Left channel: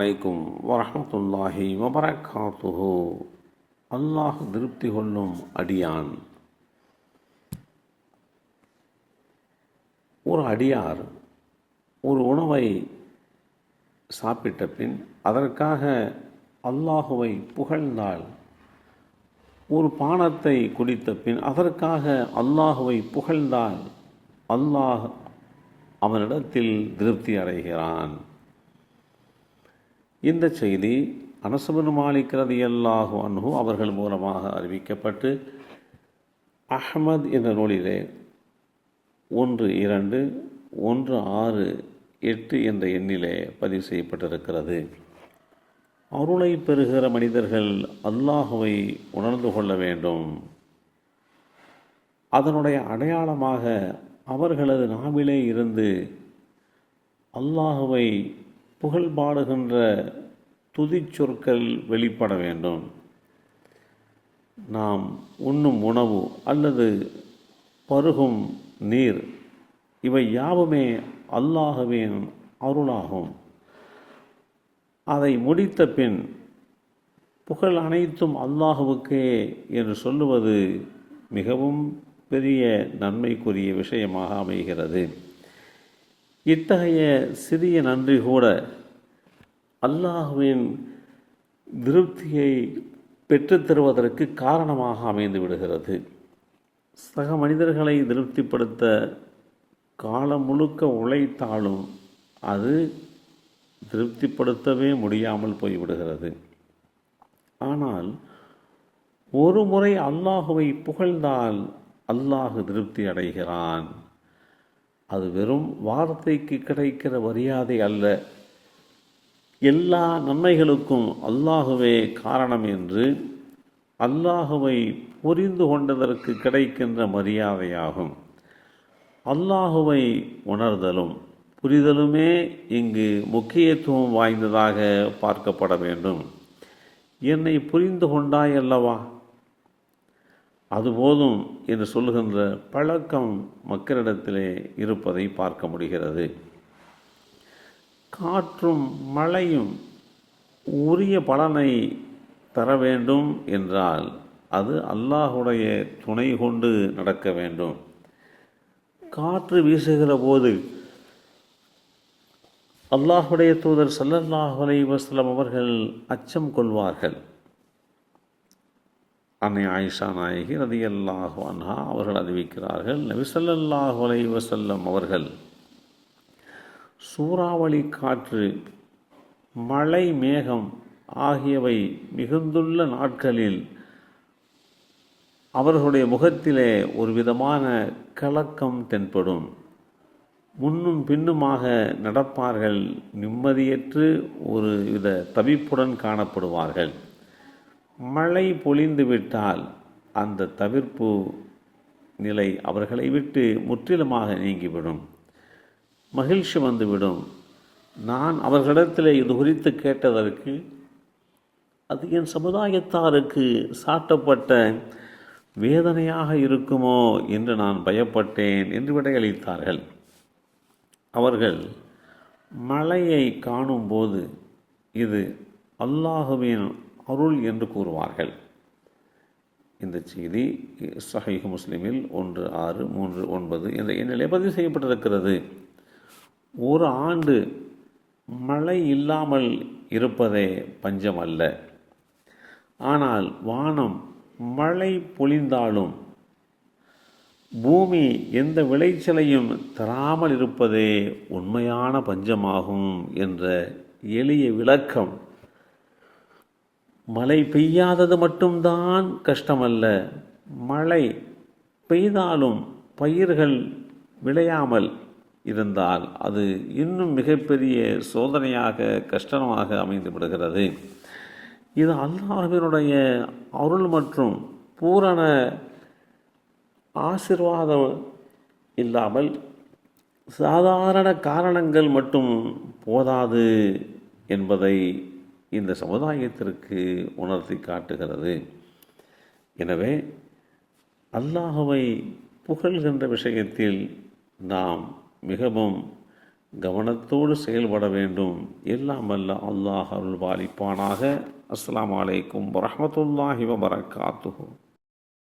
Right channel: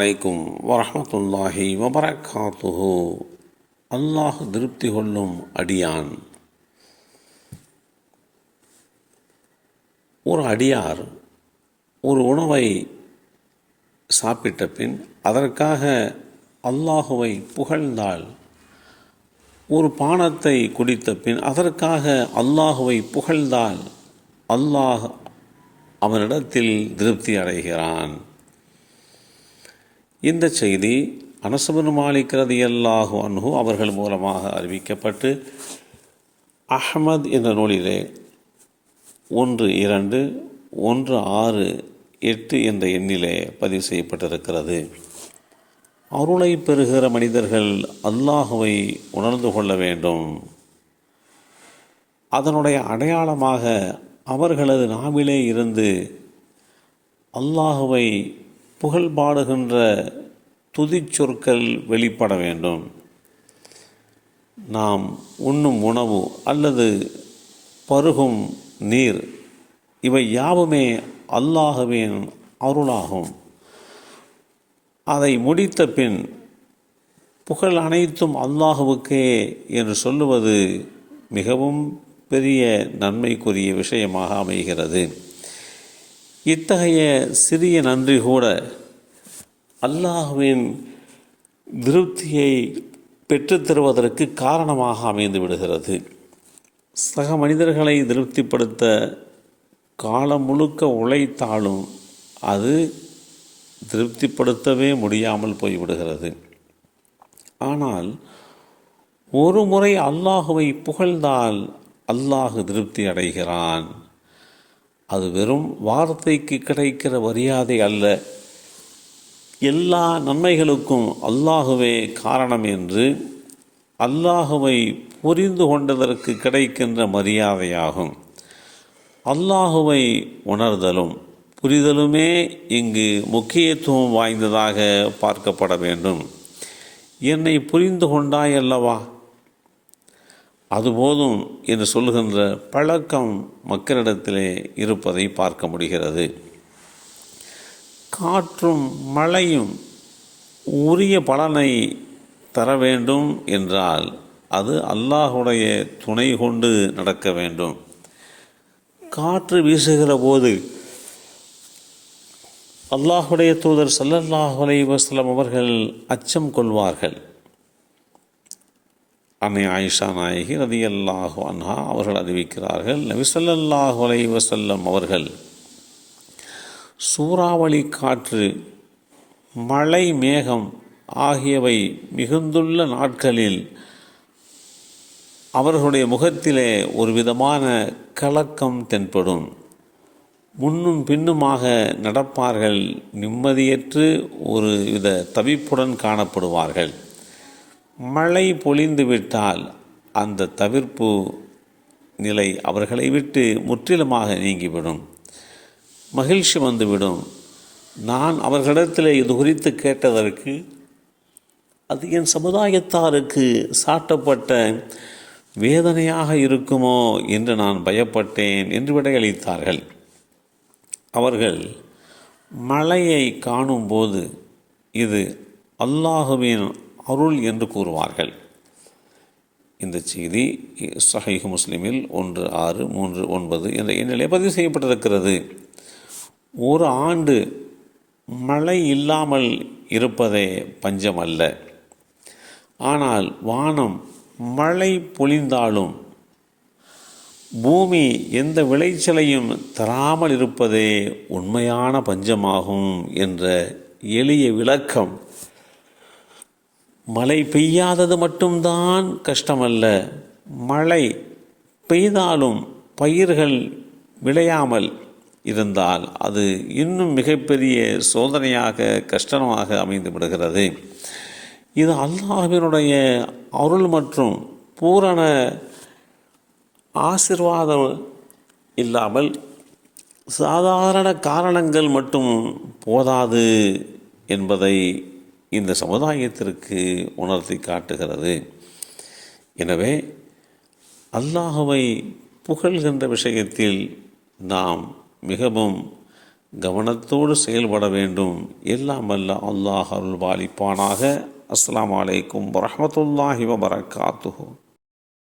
அலைக்கும் வரஹ்மத்துல்லாஹி வபரகாத்துஹு. அல்லாஹ் திருப்தி கொள்ளும் அடியான். ஒரு அடியார் ஒரு உணவை சாப்பிட்ட பின் அதற்காக அல்லாஹுவை புகழ்ந்தால், ஒரு பானத்தை குடித்த பின் அதற்காக அல்லாஹுவை புகழ்ந்தால் அல்லாஹ் அவனிடத்தில் திருப்தி அடைகிறான். இந்த செய்தி அனஸ் பின் மாலிக் ரலியல்லாஹு அன்ஹு அவர்கள் மூலமாக அறிவிக்கப்பட்டு அஹ்மத் என்ற நூலிலே 1216 என்ற எண்ணிலே பதிவு செய்யப்பட்டிருக்கிறது. அருளை பெறுகிற மனிதர்கள் அல்லாஹுவை உணர்ந்து கொள்ள வேண்டும். அதனுடைய அடையாளமாக அவர்களது நாவிலே இருந்து அல்லாஹுவை புகழ்பாடுகின்ற துதிச்சொற்கள் வெளிப்பட வேண்டும். நாம் உண்ணும் உணவு அல்லது பருகும் நீர், இவை யாவுமே அல்லாஹுவின் அருளாகும். அதை முடித்த பின் புகழ் அனைத்தும் அல்லாஹுவுக்கே என்று சொல்லுவது மிகவும் பெரிய நன்மைக்குரிய விஷயமாக அமைகிறது. இத்தகைய சிறிய நன்றி கூட அல்லாஹுவின் திருப்தியை பெற்றுத்தருவதற்கு காரணமாக அமைந்து விடுகிறது. சக மனிதர்களை திருப்திப்படுத்த காலம் முழுக்க உழைத்தாலும் அது திருப்திப்படுத்தவே முடியாமல் போய்விடுகிறது. ஆனால் ஒரு முறை அல்லாஹுவை புகழ்ந்தால் அல்லாஹு திருப்தி அடைகிறான். அது வெறும் வார்த்தைக்கு கிடைக்கிற மரியாதை அல்ல, எல்லா நன்மைகளுக்கும் அல்லாஹுவே காரணம் என்று அல்லாஹுவை புரிந்து கொண்டதற்கு கிடைக்கின்ற மரியாதையாகும். அல்லாஹுவை உணர்தலும் புரிதலுமே இங்கு முக்கியத்துவம் வாய்ந்ததாக பார்க்கப்பட வேண்டும். என்னை புரிந்து கொண்டாய் அல்லவா, அதுபோதும் என்று சொல்கின்ற பழக்கம் மக்களிடத்திலே இருப்பதை பார்க்க முடிகிறது. காற்றும் மழையும் உரிய பலனை தர வேண்டும் என்றால் அது அல்லாஹுடைய துணை கொண்டு நடக்க வேண்டும். காற்று வீசுகிற போது அல்லாஹுடைய தூதர் ஸல்லல்லாஹு அலைஹி வஸல்லம் அவர்கள் அச்சம் கொள்வார்கள். அன்னை ஆயிஷா நாயகி ரலியல்லாஹு அன்ஹா அவர்கள் அறிவிக்கிறார்கள், நபி ஸல்லல்லாஹு அலைஹி வஸல்லம் அவர்கள் சூறாவளி காற்று, மழை, மேகம் ஆகியவை மிகுந்துள்ள நாட்களில் அவர்களுடைய முகத்திலே ஒரு விதமான கலக்கம் தென்படும். முன்னும் பின்னுமாக நடப்பார்கள், நிம்மதியற்று ஒரு வித தவிப்புடன் காணப்படுவார்கள். மழை பொழிந்து விட்டால் அந்த தவிர்ப்பு நிலை அவர்களை விட்டு முற்றிலுமாக நீங்கிவிடும். மகிழ்ச்சி வந்துவிடும். நான் அவர்களிடத்தில் இது குறித்து கேட்டதற்கு அது என் சமுதாயத்தாருக்கு சாட்டப்பட்ட வேதனையாக இருக்குமோ என்று நான் பயப்பட்டேன் என்று விடையளித்தார்கள். அவர்கள் மழையை காணும்போது இது அல்லாஹுவின் அருள் என்று கூறுவார்கள். இந்த செய்தி ஸஹீஹ் முஸ்லிமில் 1639 என்ற எண்ணிலே பதிவு செய்யப்பட்டிருக்கிறது. ஒரு ஆண்டு மழை இல்லாமல் இருப்பதே பஞ்சம் அல்ல. ஆனால் வானம் மழை பொழிந்தாலும் பூமி எந்த விளைச்சலையும் தராமல் இருப்பதே உண்மையான பஞ்சமாகும் என்ற எளிய விளக்கம். மழை பெய்யாதது மட்டும்தான் கஷ்டமல்ல, மழை பெய்தாலும் பயிர்கள் விளையாமல் இருந்தால் அது இன்னும் மிகப்பெரிய சோதனையாக, கஷ்டமாக அமைந்து விடுகிறது. இது அல்லாஹ்வினுடைய அருள் மற்றும் பூரண ஆசீர்வாதம் இல்லாமல் சாதாரண காரணங்கள் மட்டும் போதாது என்பதை இந்த சமுதாயத்திற்கு உணர்த்தி காட்டுகிறது. எனவே அல்லாஹுவை புகழ்கின்ற விஷயத்தில் நாம் மிகவும் கவனத்தோடு செயல்பட வேண்டும். எல்லாம் அல்ல அல்லாஹ் அருள் பாலிப்பானாக. அஸ்ஸலாமு அலைக்கும் வரஹ்மத்துல்லாஹி வபரகாத்துஹு.